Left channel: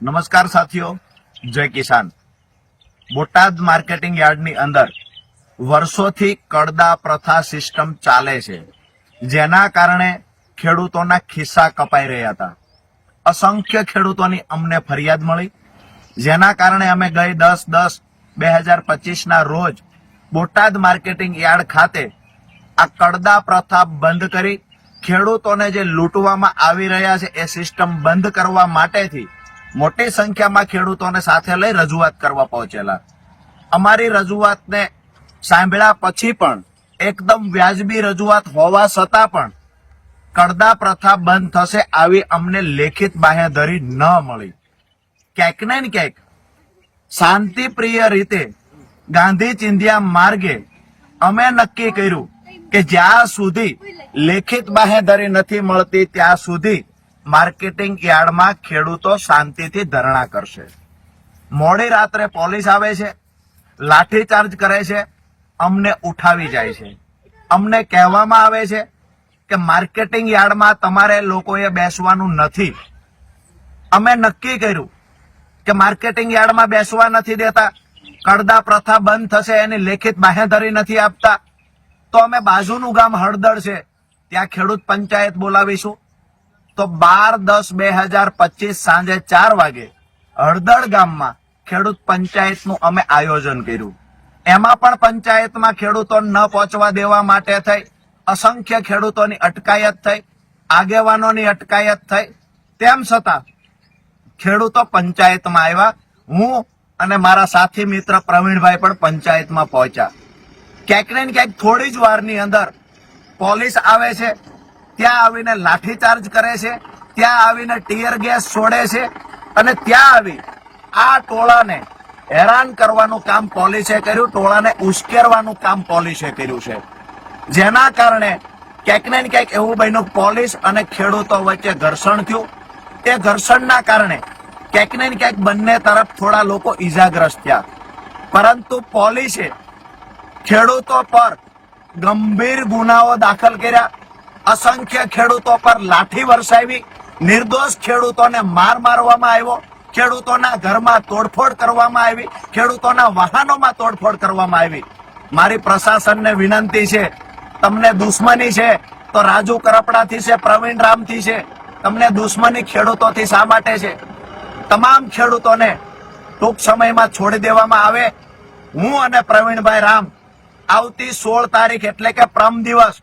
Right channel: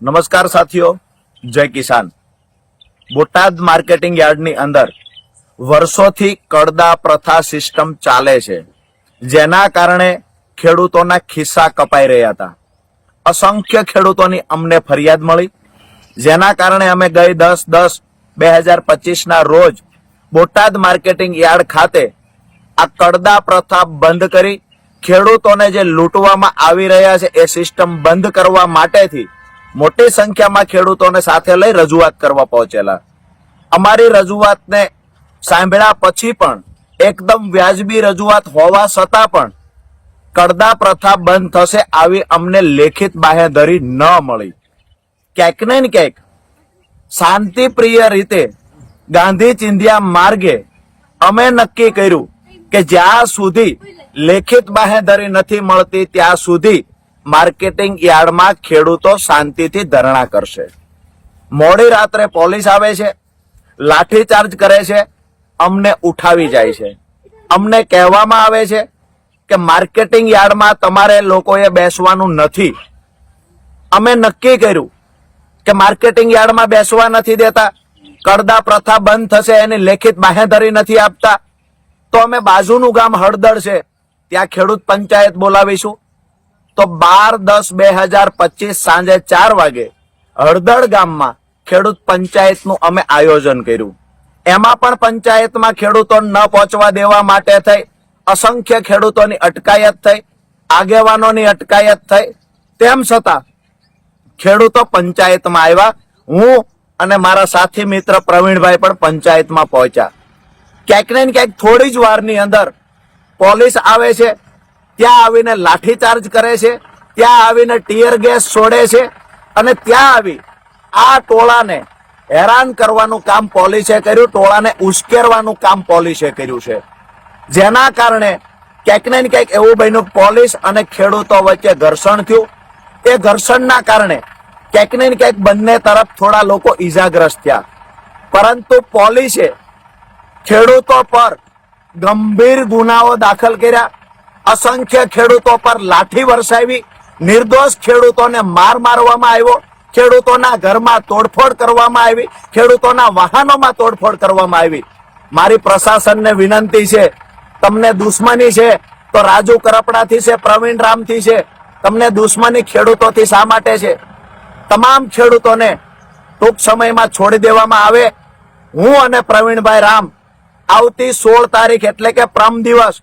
નમસ્કાર સાથીઓ, જય કિસાન। બોટાદ માર્કેટિંગ યાર્ડની અંદર વર્ષોથી કડદા પ્રથા સિસ્ટમ ચાલે છે, જેના કારણે ખેડૂતોના ખિસ્સા કપાઈ રહ્યા હતા। અસંખ્ય ખેડૂતોની અમને ફરિયાદ મળી, જેના કારણે અમે ગઈ 10/10/2025 રોજ બોટાદ માર્કેટિંગ યાર્ડ ખાતે આ કડદા પ્રથા બંધ કરી ખેડૂતોને જે લૂંટવામાં આવી રહ્યા છે એ સિસ્ટમ બંધ કરવા માટેથી મોટી સંખ્યામાં ખેડૂતોને સાથે લઈ રજૂઆત કરવા પહોંચેલા। અમારી રજૂઆતને સાંભળ્યા પછી પણ એકદમ વ્યાજબી રજૂઆત હોવા છતાં પણ કડદા પ્રથા બંધ થશે આવી અમને લેખિત બાહેધરી ન મળી। ક્યાંક ને ક્યાંક શાંતિપ્રિય રીતે ગાંધી ચિંધ્યા માર્ગે અમે નક્કી કર્યું કે જ્યાં સુધી લેખિત બાહેધરી નથી મળતી ત્યાં સુધી માર્કેટિંગ યાર્ડમાં ખેડૂતો શાંતિથી ધરણા કરશે। મોડી રાત્રે પોલીસ આવે છે, લાઠીચાર્જ કરે છે, અમને ઉઠાવી જાય છે। અમને કહેવામાં આવે છે કે માર્કેટિંગ યાર્ડમાં તમારે લોકોએ બેસવાનું નથી। અમે નક્કી કર્યું કે માર્કેટિંગ યાર્ડમાં બેસવા નથી દેતા, કડદા પ્રથા બંધ થશે એની લેખિત બાહેધરી નથી આપતા, તો અમે બાજુનું ગામ હળદળ છે ત્યાં ખેડૂત પંચાયત બોલાવીશું। તો 12/10/2025 સાંજે 4 વાગે હળદળ ગામમાં ખેડૂત પંચાયતનું અમે આયોજન કર્યું। એમાં પણ પંચાયતમાં ખેડૂતો ન પહોંચવા દેવા માટે થઈ અસંખ્ય ખેડૂતોની અટકાયત થઈ, આગેવાનોની અટકાયત થઈ, તેમ છતાં ખેડૂતો પંચાયતમાં આવ્યા। હું અને મારા સાથી મિત્ર પ્રવીણભાઈ પણ પંચાયતમાં પહોંચ્યા। ક્યાંક ને ક્યાંક થોડી જ વારની અંદર પોલીસ આવે છે, ત્યાં આવીને લાઠીચાર્જ કરે છે, ત્યાં આવીને ટીયર ગેસ છોડે છે અને ત્યાં આવી આ ટોળાને હેરાન કરવાનું કામ પોલીસે કર્યું, ટોળાને ઉશ્કેરવાનું કામ પોલીસે કર્યું છે, જેના કારણે ક્યાંક ને ક્યાંક એવું બન્યું પોલીસ અને ખેડૂતો વચ્ચે ઘર્ષણ થયું। એ ઘર્ષણના કારણે ક્યાંક ને ક્યાંક બંને તરફ થોડા લોકો ઈજાગ્રસ્ત થયા, પરંતુ પોલીસે ખેડૂતો પર ગંભીર ગુનાઓ દાખલ કર્યા, અસંખ્ય ખેડૂતો પર લાઠી વરસાવી, નિર્દોષ ખેડૂતોને મારવામાં આવ્યો, ખેડૂતોના ઘરમાં તોડફોડ કરવામાં આવી, ખેડૂતોના વાહનોમાં તોડફોડ કરવામાં આવી। મારી પ્રશાસનને વિનંતી છે, તમને દુશ્મની છે તો રાજુ કરપડાથી છે, પ્રવીણ રામથી છે, તમને દુશ્મની ખેડૂતોથી શા માટે છે? તમામ ખેડૂતોને ટૂંક સમયમાં છોડી દેવામાં આવે। હું અને પ્રવીણભાઈ રામ આવતી 16 તારીખ એટલે કે પરમ દિવસ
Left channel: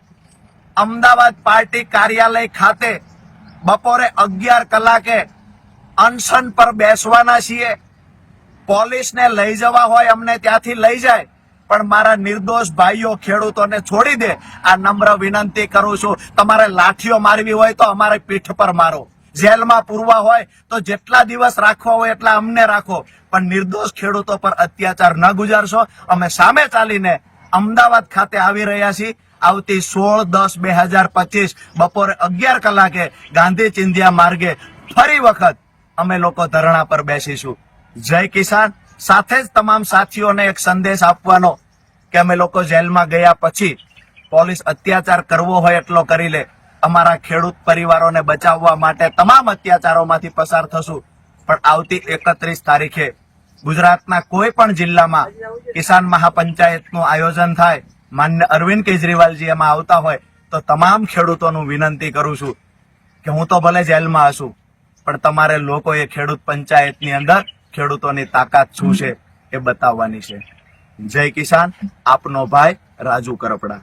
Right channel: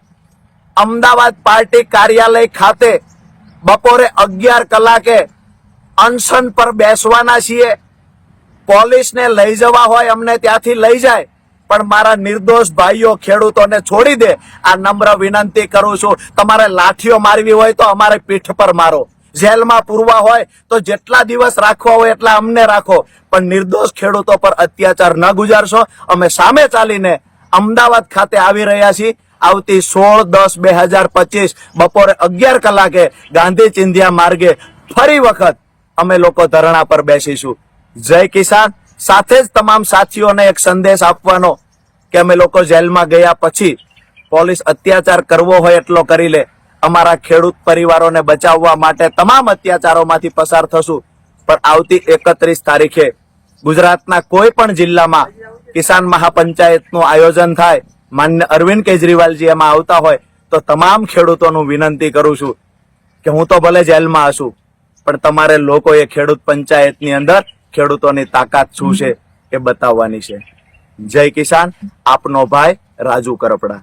અમદાવાદ પાર્ટી કાર્યાલય ખાતે બપોરે 11 કલાકે અનશન પર બેસવાના છીએ। પોલીસને લઈ જવા હોય અમને ત્યાંથી લઈ જાય, પણ મારા નિર્દોષ ભાઈઓ ખેડૂતોને છોડી દે આ નમ્ર વિનંતી કરું છું। તમારે લાઠીઓ મારવી હોય તો અમારે પીઠ પર મારો, જેલમાં પૂરવા હોય તો જેટલા દિવસ રાખવા હોય એટલા અમને રાખો, પણ નિર્દોષ ખેડૂતો પર અત્યાચાર ન ગુજારશો। અમે સામે ચાલીને અમદાવાદ ખાતે આવી રહ્યા છીએ। આવતી 16/10/2025 બપોરે 11 કલાકે ગાંધી ચિંધ્યા માર્ગે ફરી વખત અમે લોકો ધરણા પર બેસીશું। જય કિસાન। સાથે જ તમામ સાથીઓને એક સંદેશ આપવાનો કે અમે લોકો જેલમાં ગયા પછી પોલીસ અત્યાચાર કરવો હોય એટલો કરી લે, અમારા ખેડૂત પરિવારોને બચાવવા માટે તમામ અત્યાચારોમાંથી પસાર થશું, પણ આવતી 31 તારીખે ગુજરાતના કોઈ પણ જિલ્લામાં કિસાન મહાપંચાયતનું આયોજન થાય, માન્ય અરવિંદ કેજરીવાલજી એમાં આવતા હોય તો તમામ ખેડૂતોનું વિનંતી કરું છું કે હું તો ભલે જેલમાં હશું, પણ તમારે લોકોએ ખેડૂત પંચાયતની અંદર ખેડૂતોની તાકાત શું છે એ બતાવવાની છે। જય કિસાન। આપનો ભાઈ રાજુ કરપડા।